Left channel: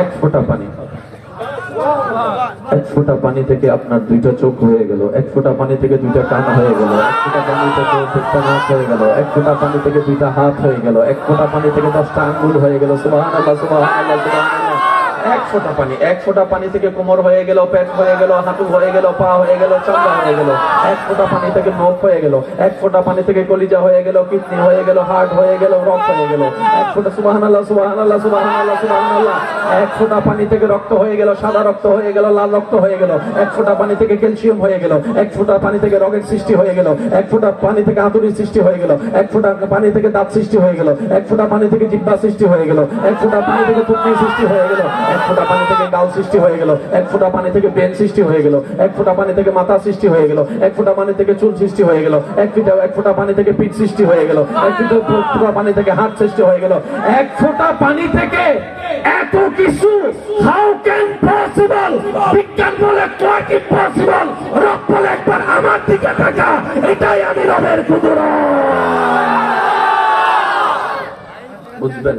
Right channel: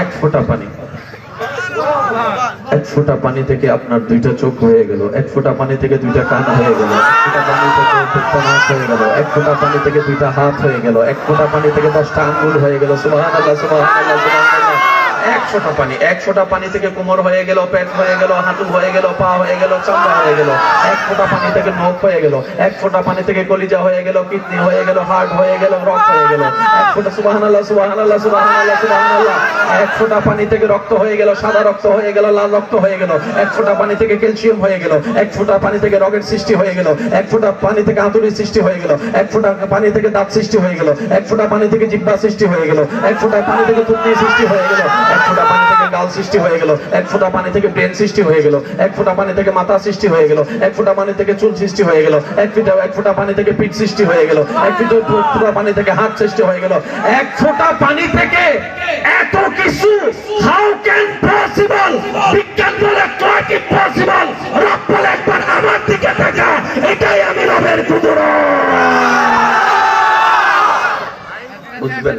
এক ফোঁটা পানি, এক ফোঁটা পানি থেকে আপনার দুইটা চোখ হয়ে গেল, এক ফোঁটা পানি থেকে দুইটা কান হয়ে গেল, এক ফোঁটা পানি থেকে দুইটা নাক হয়ে গেল, এক ফোঁটা পানি থেকে দুইটা হাত হয়ে গেল, এক ফোঁটা পানি থেকে 10টা আঙ্গুল হয়ে গেল। সুবহানাল্লাহ, সুবহানাল্লাহ, সুবহানাল্লাহ। এক ফোঁটা পানি, এক ফোঁটা পানি থেকে কোমর হয়ে গেল, পেট হয়ে গেল, হাঁটু হয়ে গেল, পা হয়ে গেল, চামড়া হয়ে গেল। এক ফোঁটা পানি থেকে নখ হয়ে গেল, এক ফোঁটা পানি থেকে কলিজা হয়ে গেল, কিডনি হয়ে গেল, হার্ট হয়ে গেল, রক্ত হয়ে গেল। এক ফোঁটা, সুবহানাল্লাহ, সুবহানাল্লাহ, সুবহানাল্লাহ, সুবহানাল্লাহ। এক ফোঁটা পানি থেকে রক্ত হয়ে গেল, সাদা রক্ত হয়ে গেল, লাল রক্ত হয়ে গেল। এক ফোঁটা পানি থেকে ক্যালসিয়াম হয়ে গেল, এক ফোঁটা পানি থেকে রগের সৃষ্টি হয়ে গেল, এক ফোঁটা পানি থেকে হাতুড়ির সৃষ্টি হয়ে গেল, এক ফোঁটা পানি থেকে দাঁত সৃষ্টি হয়ে গেল, এক ফোঁটা পানি থেকে জিহ্বা সৃষ্টি হয়ে গেল, এক ফোঁটা পানি থেকে থুতনি সৃষ্টি হয়ে গেল, এক ফোঁটা পানি থেকে গাল সৃষ্টি হয়ে গেল, এক ফোঁটা পানি থেকে ব্রেন সৃষ্টি হয়ে গেল, এক ফোঁটা পানি থেকে মাথা সৃষ্টি হয়ে গেল, এক ফোঁটা পানি থেকে চুল সৃষ্টি হয়ে গেল, এক ফোঁটা পানি থেকে পিঠ সৃষ্টি হয়ে গেল, এক ফোঁটা পানি থেকে হাত সৃষ্টি হয়ে গেল। এক ফোঁটা পানি থেকে এত কিছু, হাউ ক্যান পসিবল? বিজ্ঞান বলে নট ইম্পসিবল। রব বলে একবার আমার দিকে তাকা, এটাই আমি রবের কুদরত। বুঝবেন?